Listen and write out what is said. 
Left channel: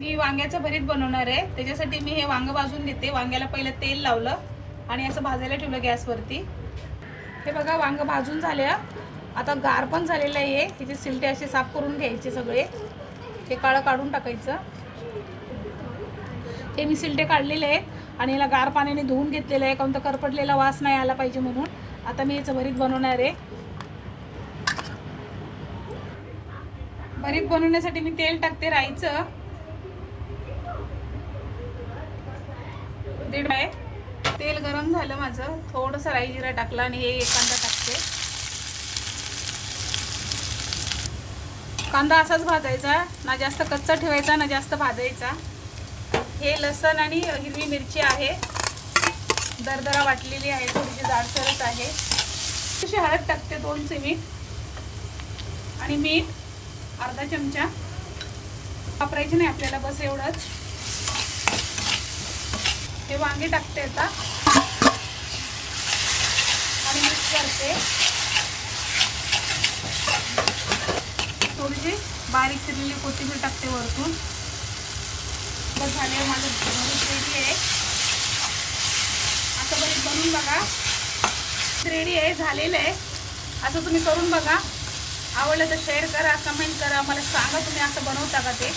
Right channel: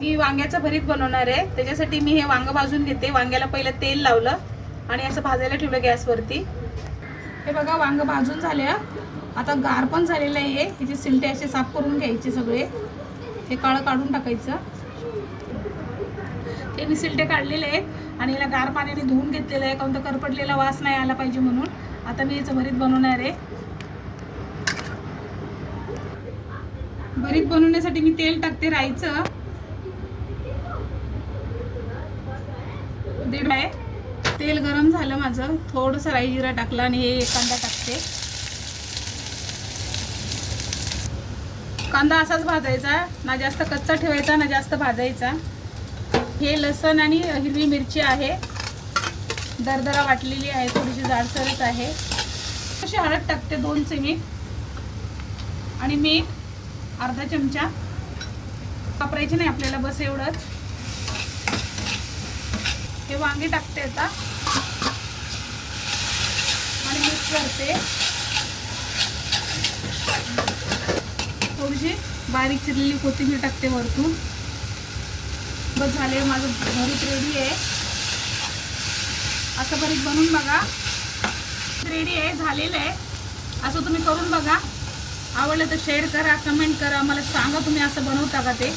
मी वांग्याचं भरीत बनवणार आहे. त्याच्यासाठी मी हे वांग भाजून घेते. वांग्याला पहिले तेल लावलं आणि असं भाजायला ठेवलं गॅसवरती. हे बघा वांग भाजून झाले. आता गार पण झालेलं आहे. ह्याचे सिलटे असे साफ करून घ्यायचे सगळे. हे काळं काढून टाकायचं. हे मी सिलटे काढलेले आहेत आणि याला गार पाण्याने धुवून घेतलेलं आहे, कारण तर करपटलेला वास नाही आला पाहिजे म्हणून. आता मी याचं भरीत बनवणार आहे. भरीत बनवण्यासाठी मी तेल टाकते राईचं. दीड आहे. तेल गरम झालं माझं. थोडंसं राई जिरा टाकला आणि हे कांदा टाकते. कांदा असाच भाजायचा, ना जास्त कच्चा ठेवायचा ना जास्त भाजायचा. हे लसण आणि हिरवी मिरची आहे, दरदरा वाटलेली आहे, थोडीशी जाडसरच आहे. अशी हळद टाकते 2 चमचे आणि मीठ अर्धा चमचा. वापरायचे नाही आपल्याला, बस एवढंच. हे वांगे टाकते आता आणि मिक्स करते. थोडीशी बारीक चिरलेली कोथिंबीर टाकते वरतून. बस झाले, माझं भरीत रेडी आहे. असं भरीत बनवून बघा. रेडी आहे, झालेलं आहे. असं तुम्ही करून बघा. आवडलं तर शेअर करा, कमेंट करा, मला सांगा तुम्ही असं बनवता का ते.